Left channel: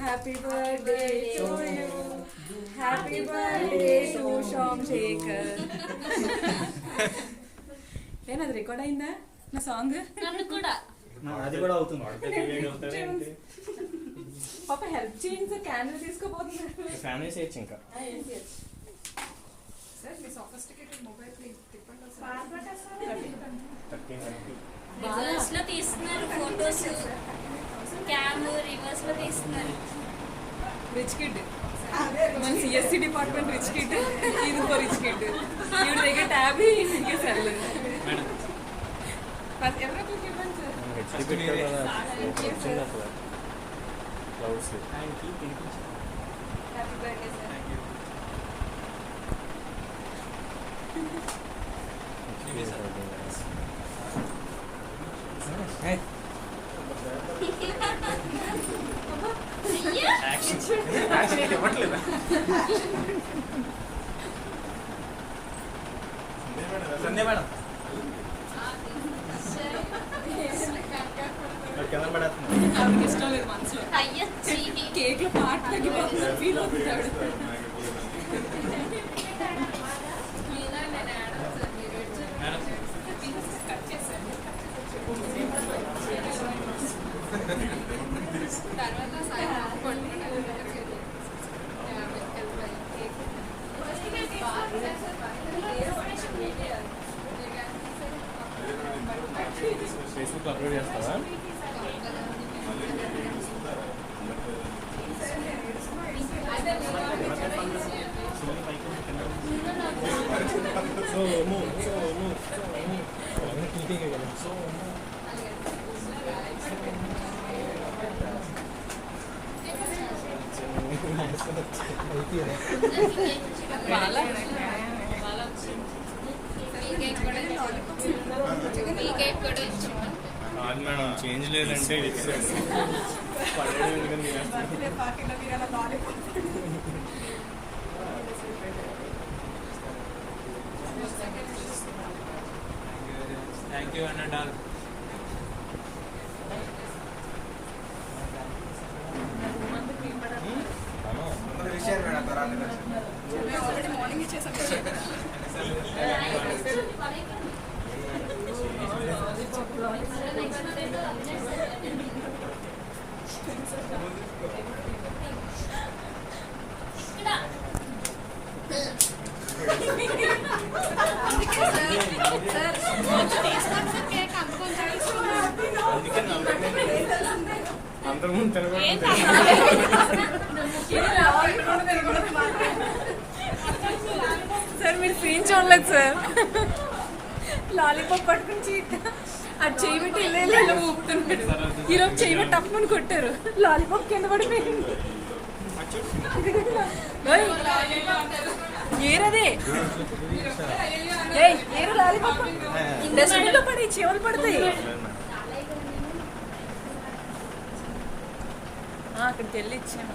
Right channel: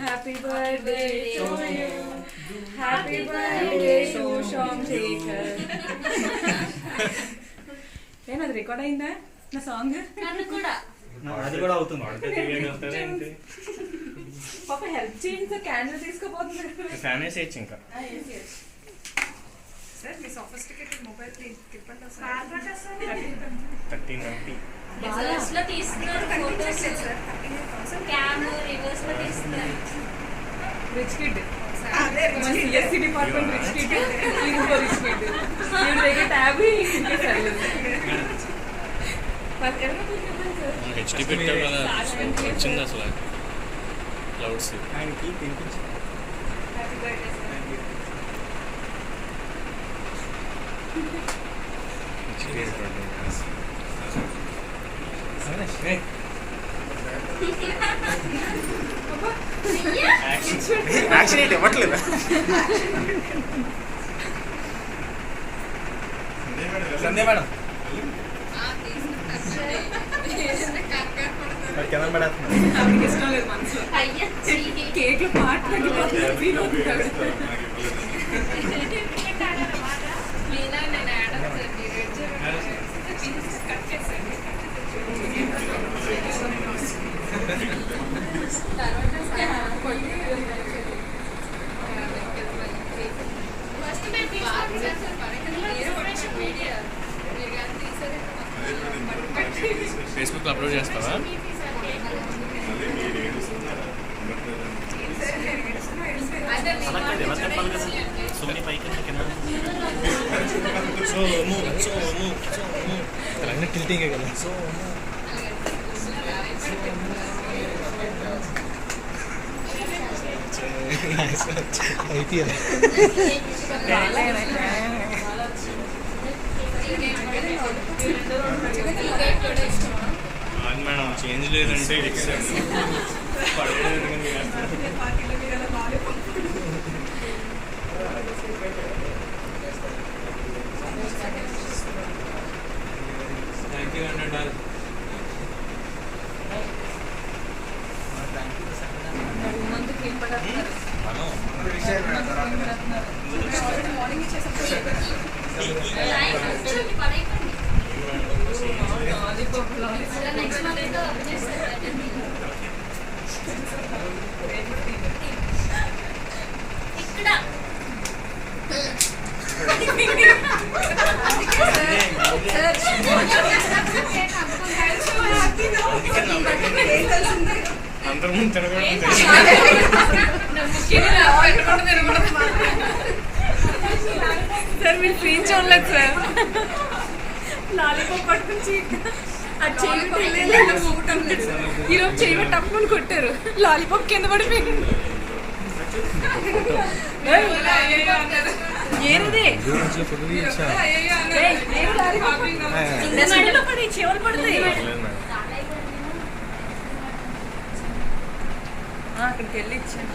Happy birthday to you happy birthday to Somashekar. ఏమది record అయిందా నా సాంగ్? నన్ను కూడా అది కూడా అవుతుంది. ఒక హెల్ప్ చేయండి సార్, క్యాండిల్ తీసుకోపోతున్నారు. ఫ్యాన్ వేసేయచ్చు ఇంకా. సార్ మీ సోఫిస్టికేటెడ్ మొబైల్ తిప్పండి సార్. 1320. రివర్స్ లో తీస్తున్నారు ఫోటోస్, క్యామ్ రివర్స్ లో తీస్తున్నారు. Rich kid, CSC department rich kid, ఇంకో రిచ్ కిడ్. వీడి దగ్గర ట్యాబ్ ఇంకే సర్లేదు. ఎవరో మీరు చెప్పండి సార్. హెచ్డి పెట్టావు కదా, వచ్చింది అసలు clouds. Happy birthday sir. Action ఇవ్వట్లేదు. సందే మేడం ఆమెకి ఇష్టం లేదు మనసులో. కేక్ లో పాట ఫేస్బుక్ లో అప్లోడ్ చేస్తావా? తెలంగాణ టిల్టింగే కదా. సో అయిపోయింది. మేడం చేంజ్ లేదంటే థ్యాంక్ యూ అండి. మార్నింగ్ ఇచ్చేసాం. అందరూ ముందు తినకూడదు. సార్ మీరు స్క్రీన్ చూడలేదు సార్. లాలీపాప్ పట్టుకుని అది చేయబెట్టి ఊపుతుంది. ఈరోజు చేయబెట్టి తప్పని కొట్టారు, లాలీపాప్ కింద పడిపోయింది. ఏరదే ఇండస్ట్రీలో పడి చెవులు పడతాయి. అక్కడికి వెళ్ళి ఇచ్చాను.